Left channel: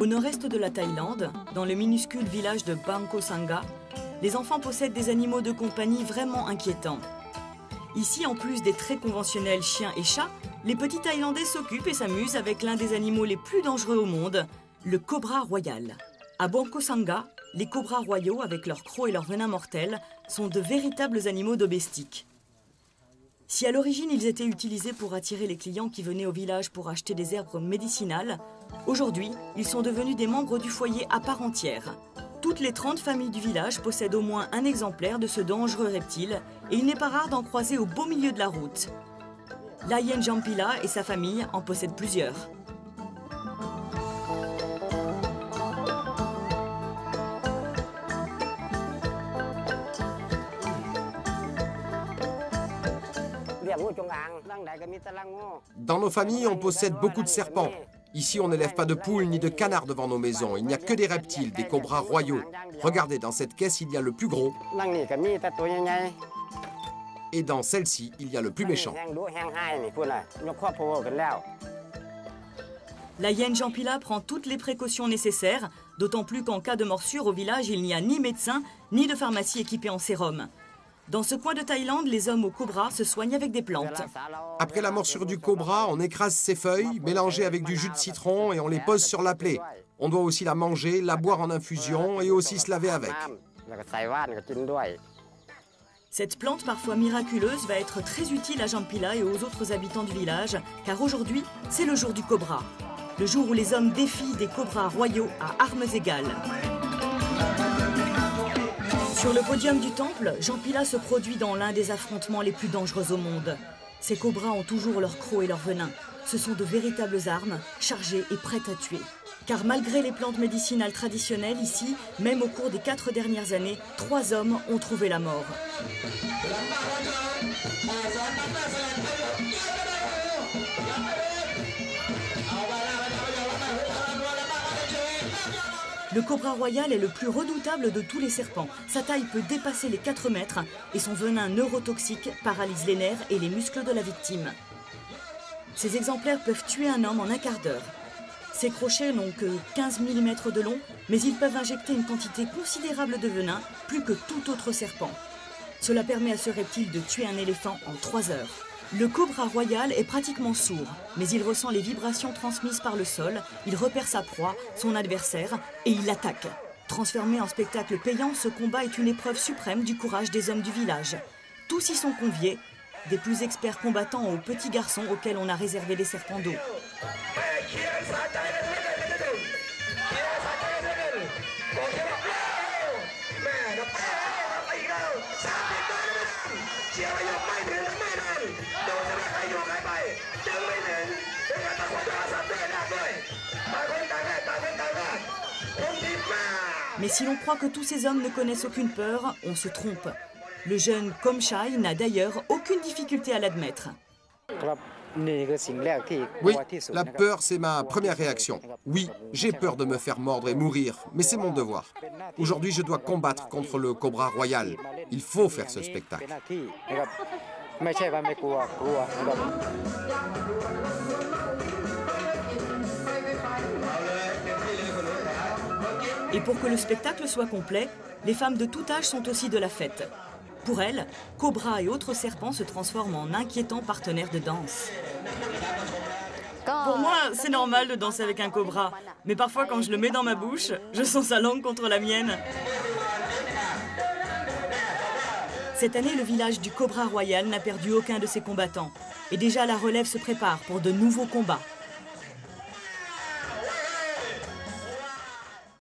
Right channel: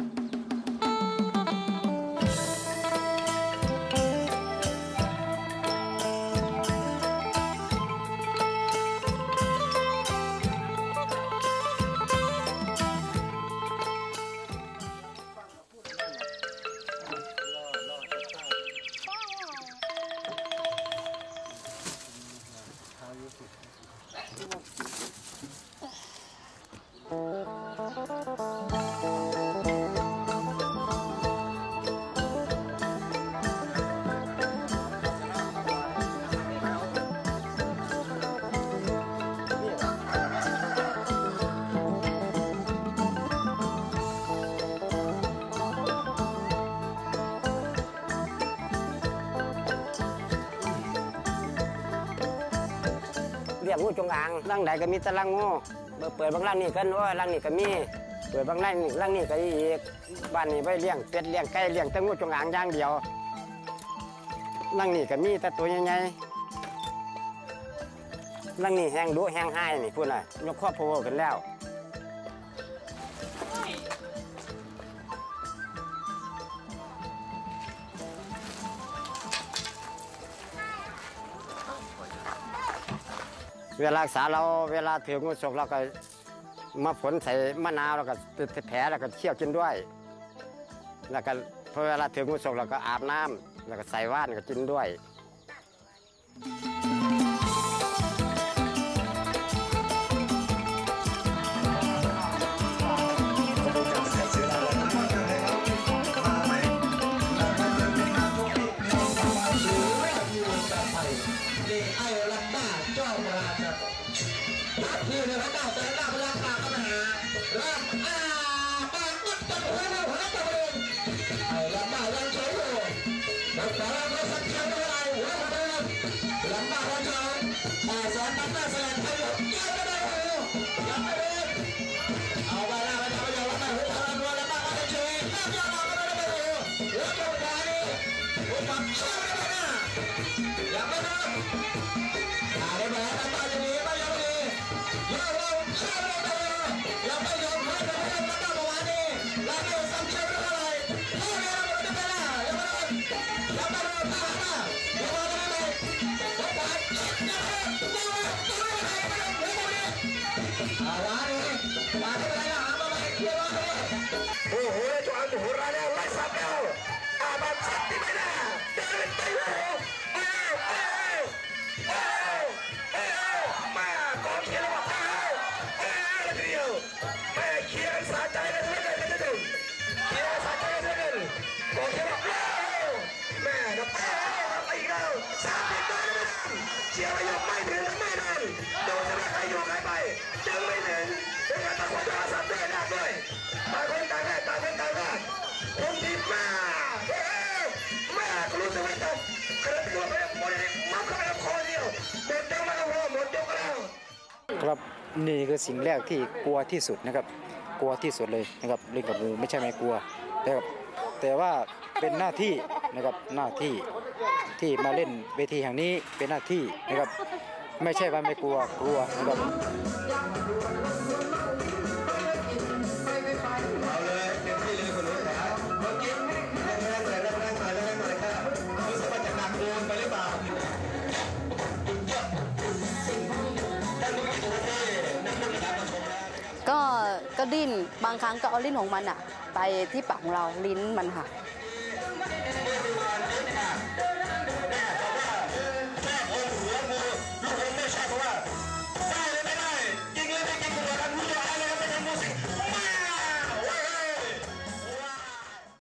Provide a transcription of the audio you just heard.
Au nord-est de la Thaïlande, dans le minuscule village de Bangko Sangha, les enfants possèdent des animaux de compagnie vraiment inquiétants. Ici, en plus des très conventionnels chiens et chats, les petits Thaïlandais s'occupent et s'amusent avec l'un des animaux les plus dangereux au monde, le cobra royal. À Bangko Sangha, les cobras royaux, avec leurs crocs et leurs venins mortels, sont de véritables animaux domestiques. Si à l'origine ils étaient utilisés pour attirer les clients qui venaient au village pour acheter des herbes médicinales, aujourd'hui ils sont devenus des membres du foyer à part entière. Toutes les 30 familles du village possèdent au moins un exemplaire de ce dangereux reptile et il n'est pas rare d'en croiser au beau milieu de la route. Layen Jampila et sa famille en possèdent plusieurs. Dans nos familles, on possède beaucoup de serpents. Ici, on n'élève pas de poules ni de canards devant nos maisons. Il n'y a que des reptiles, des cobras royaux. Regardez, dans cette caisse, il y a le plus gros. Et dans celle-ci, il y a le plus méchant. Layen Jampila prend toutes les précautions nécessaires, d'autant plus qu'en cas de morsure au village, il n'y a ni médecin, ni de pharmacie équipée en sérum. Dans ce coin de Thaïlande, les hommes au cobra se soignent avec des plantes. Après la morsure du cobra, on écrase ses feuilles, mélangées avec du jus de citron et on les pose sur la plaie. On doit aussi la manger, la boire en infusion et aussi se laver avec. Cette plante parfois miraculeuse va être très utile à Jampila et aux autres habitants du village, car aujourd'hui, c'est le jour du cobra. Le jour où les hommes défient les cobras royaux à armes égales. Sur le podium du temple, Jampila se produit dans l'un des affrontements les plus dangereux au monde. Ces cobras ont toujours leurs crocs et leurs venins. Ce sont de véritables armes, chargées et prêtes à tuer. Car malgré les plantes médicinales traditionnelles ici, même au cours des 4 dernières années, 3 hommes ont trouvé la mort. Le cobra royal est le plus redoutable de tous les serpents. Sa taille peut dépasser les 4 mètres et son venin neurotoxique paralyse les nerfs et les muscles de la victime. Ces exemplaires peuvent tuer un homme en un quart d'heure. Ces crochets n'ont que 15 mm de long, mais ils peuvent injecter une quantité considérable de venin, plus que tout autre serpent. Cela permet à ce reptile de tuer un éléphant en 3 heures. Le cobra royal est pratiquement sourd, mais il ressent les vibrations transmises par le sol, il repère sa proie, son adversaire, et il l'attaque. Transformé en spectacle payant, ce combat est une épreuve suprême du courage des hommes du village. Tous y sont conviés, des plus experts combattants aux petits garçons auxquels on a réservé des serpents d'eau. Mais si l'on croit que tous ces hommes ne connaissent aucune peur, on se trompe. Le jeune Komchai n'a d'ailleurs aucune difficulté à l'admettre. Oui, la peur, c'est ma première réaction. Oui, j'ai peur de me faire mordre et mourir, mais c'est mon devoir. Aujourd'hui, je dois combattre contre le cobra royal. Il faut faire ce spectacle. Et pour que le spectacle soit complet, les femmes de tout âge sont aussi de la fête. Pour elles, cobras et autres serpents se transforment en inquiétants partenaires de danse. Pour moi, c'est normal de danser avec un cobra, mais parfois quand je le mets dans ma bouche, je sens sa langue contre la mienne. Cette année, le village du Cobra Royal n'a perdu aucun de ses combattants. Et déjà, la relève se prépare pour de nouveaux combats.